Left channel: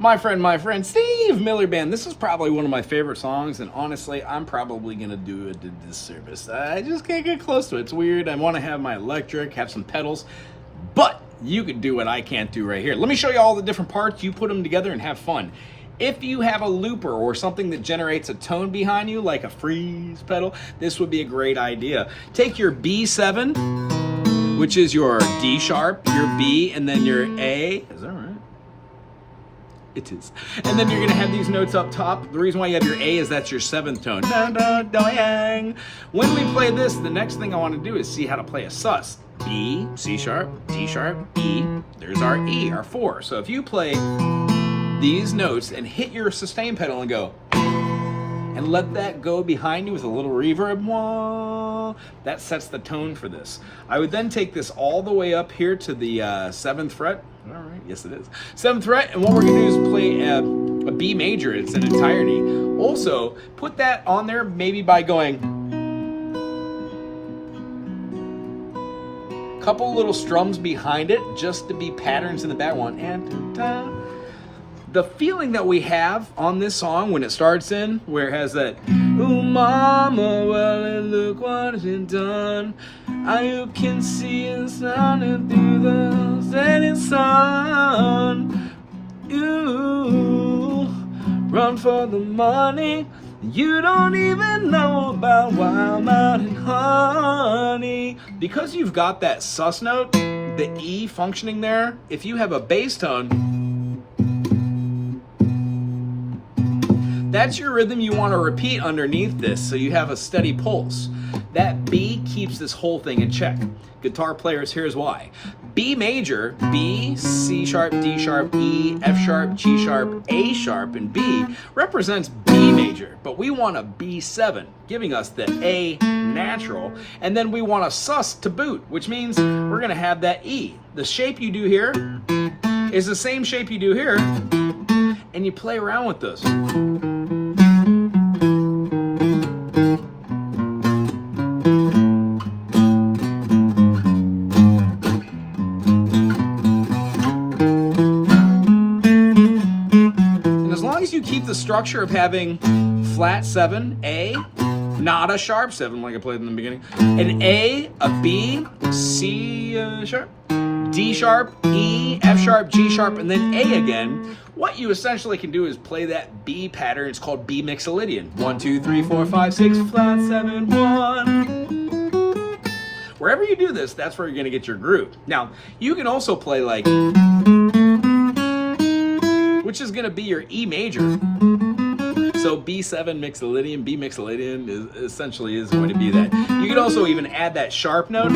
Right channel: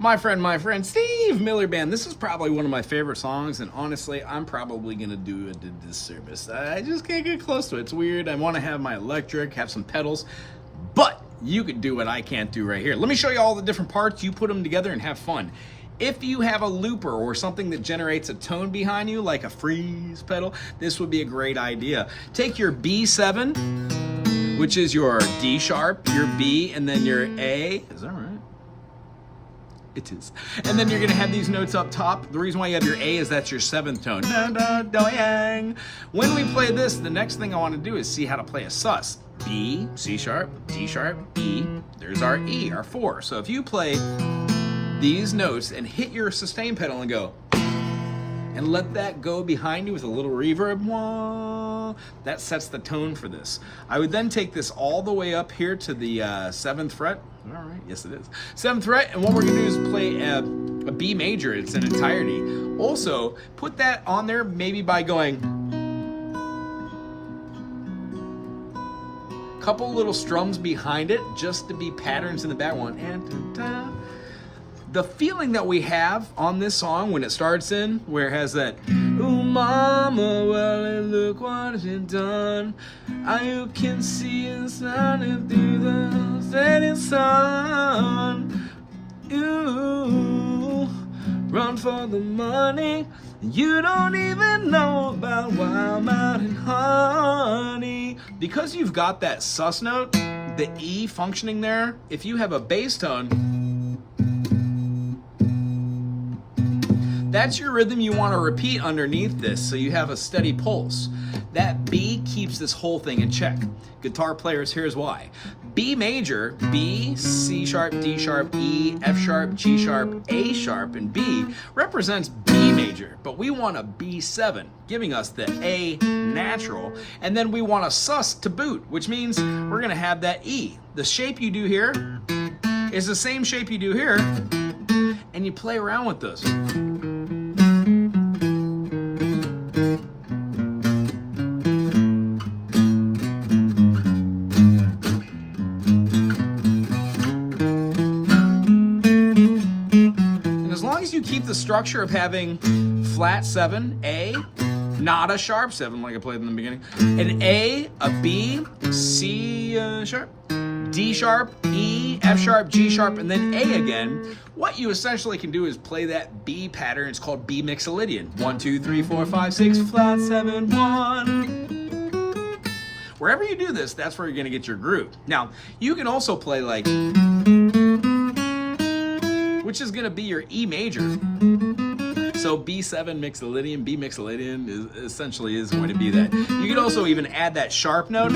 My friend, Steve Miller Band. This is probably one of my favorite songs, and honestly, I'm probably going to do a disservice. I just can't get close to it. It's weird. I want to have my electric, have some pedals, but you could do what I can't do right here. Let me show you all the different parts. You put them together and have fun. If you have a looper or something that generates a tone behind you, like a freeze pedal, this would be a great idea. Take your B7, which is your D sharp, your B, and then your A. Is that right? It is. And then you're gonna have these notes up top. The reason why you have your A is that's your 7th tone. When we play this, the next thing I wanna do is see how to play a sus. B, C sharp, D sharp, E. There's our E, our 4. So if you play these notes and hit your sustain pedal and go, and let that go behind you with a little reverb, wah, that sets the tone for this. I would then take this all the way up here to the 7th fret. All right, yes it is. 7th fret, and what we're gonna do is play a B major in its entirety. Also, put that on there maybe by going couple little strums behind it just to be patterns in the back. 1 and 2 times. The feeling that we have on this song when it starts in, where it has that, oh mama, well look what you've done. You can see it shining through the setting sun. You run for the money you don't even know about, wild mountain honey. Because you've got that sus note, the E functioning there, if you have a bass tone, that's your rhythm you want to repeat underneath this, so you have a steady pulse. That B keeps this whole thing in check. Guitar players, here's why. B major, B, C sharp, D sharp, E, F sharp, G sharp, A sharp, and B represents B major, but we want a B7, giving us the A natural, and then we want a sus to boot, which means we're gonna have that E. The shape you do here is the same shape you do here, and you play around with this. Keep the structure of having flat 7, A, not a sharp 7 like I played in the beginning, an A, a B, C sharp, D sharp, E, F sharp, G sharp, and then A again. What you essentially can do is play that B pattern. It's called B mixolydian. 1, 2, 3, 4, 5, 6, flat 7, 1. Wherever you do this, that's where you're gonna get your groove. Now, you can also play like, which is gonna be your E major. So B7 mixolydian, B mixolydian is going to be that. You could also even add that sharp note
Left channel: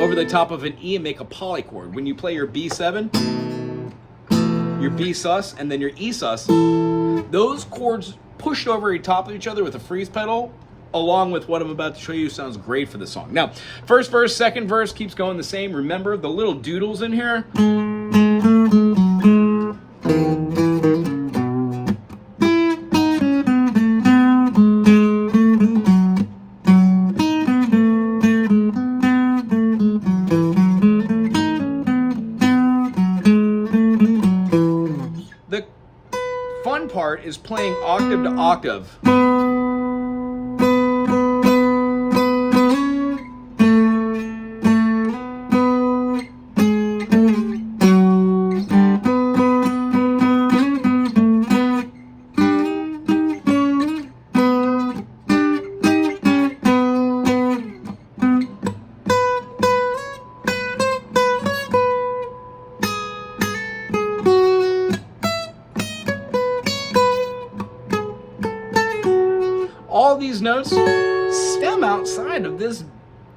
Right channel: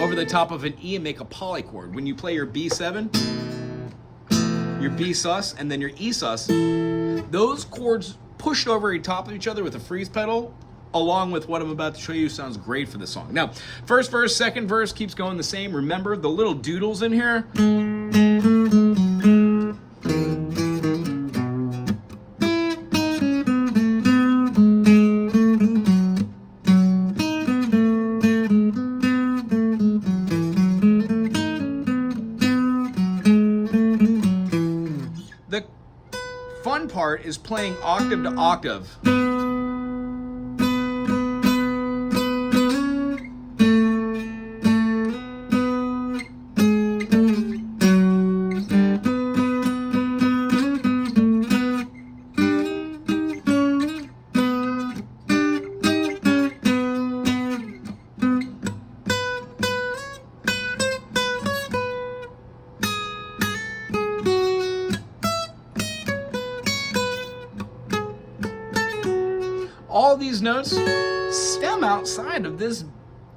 over the top of an E and make a polychord. When you play your B7, your B sus, and then your E sus, those chords pushed over the top of each other with a freeze pedal, along with what I'm about to show you, sounds great for the song. Now, first verse, second verse keeps going the same. Remember the little doodles in here? Fun part is playing octave to octave. All these notes stem outside of this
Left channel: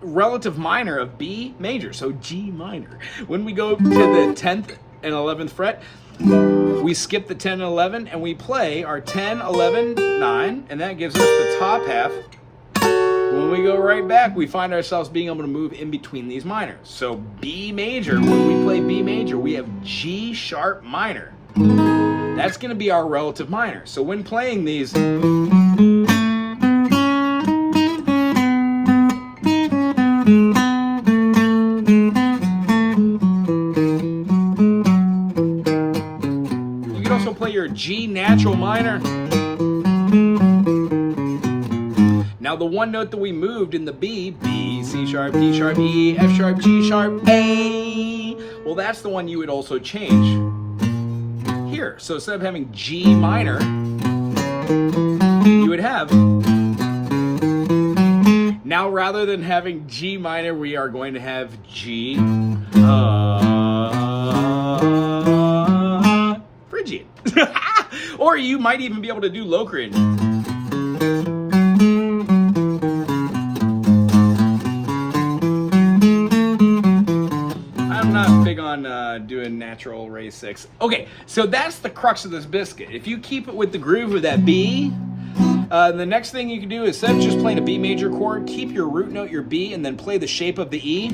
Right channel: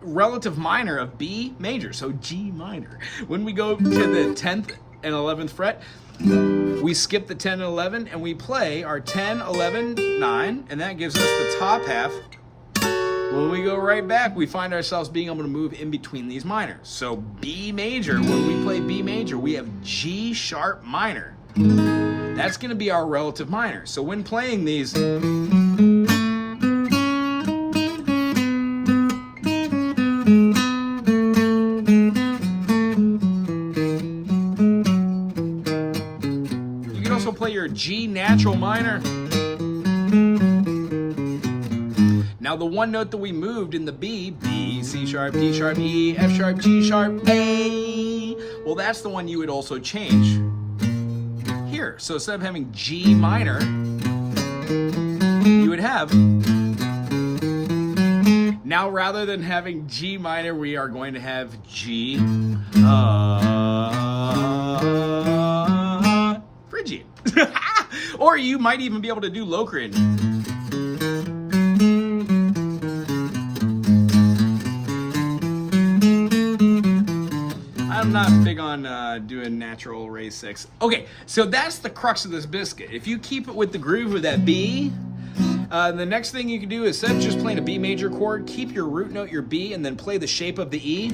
relative minor of B major, so G minor. When we go to the 10th and 11th fret, we skip the 10 and 11 and we play our 10, 11, 9, and that gives us the top half. When we go right back, we find ourselves being able to move in between these minors. So B major, when we play B major, we have G sharp minor. That's gonna be our relative minor. So when playing these, could also play your G natural minor. Now the one note that we moved in the B, B, C sharp, D sharp, E, F sharp, G sharp, A, well that's the one you would also change here. So instead of having G minor, you would have, now rather than having G minor, we are going to have G, Phrygian. Or you might even be able to do Locrian. I'm not big on doing natural raise 6. Okay, so that's the crux of this biscuit. If you keep it with the groove of that B, the next thing you can do is, instead of just playing a B major chord, keep your root note, your B, and then play the shape of the E,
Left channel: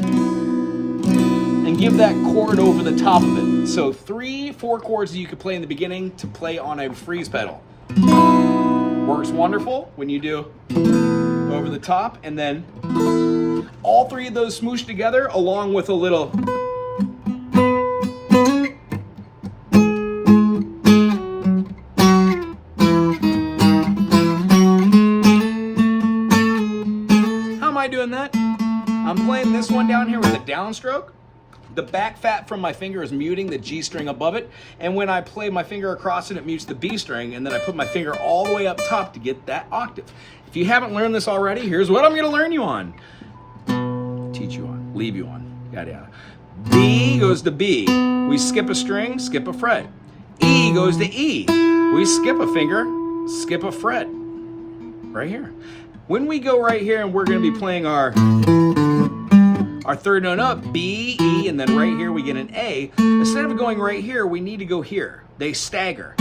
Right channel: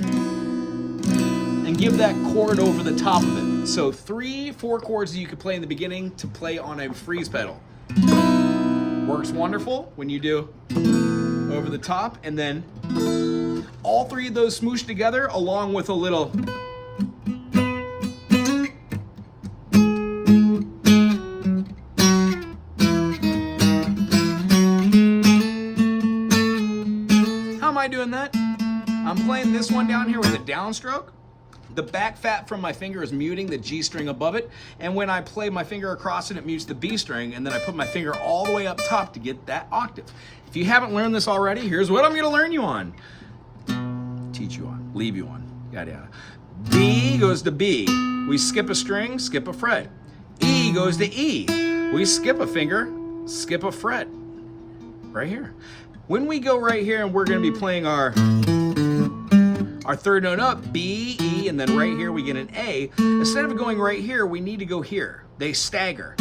and give that chord over the top of it. So 3-4 chords that you could play in the beginning to play on a freeze pedal. Works wonderful when you do over the top, and then all 3 of those smooshed together along with a little doing that. I'm playing this one down here with a downstroke. The back fat from my finger is muting the G string above it, and when I play my finger across it, it mutes the B string, and then I put my finger all the way up top to get that octave. If you haven't learned this already, here's what I'm going to learn you on. Teach you on. Leave you on. Yada yada. B goes to B. We skip a string, skip a fret. E goes to E. We skip a finger, skip a fret. Right here. When we go right here and we're going to be playing our third note up, B, E, and then right here we get an A. Instead of going right here, we need to go here. They stagger.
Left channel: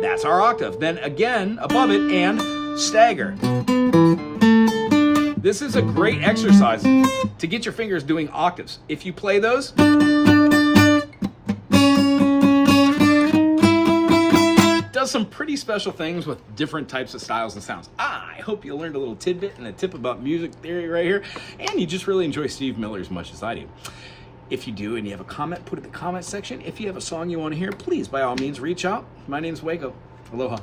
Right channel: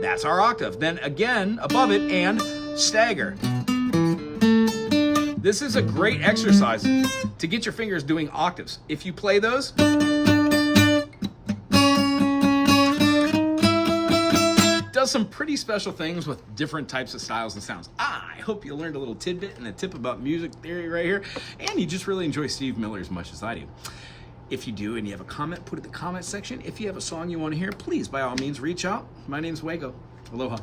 That's our octave. Then again, above it, and stagger. This is a great exercise to get your fingers doing octaves. If you play those, does some pretty special things with different types of styles and sounds. I hope you learned a little tidbit and a tip about music theory right here, and you just really enjoy Steve Miller as much as I do. If you do and you have a comment, put it in the comment section. If you have a song you want to hear, please, by all means, reach out. My name's Waco. Aloha.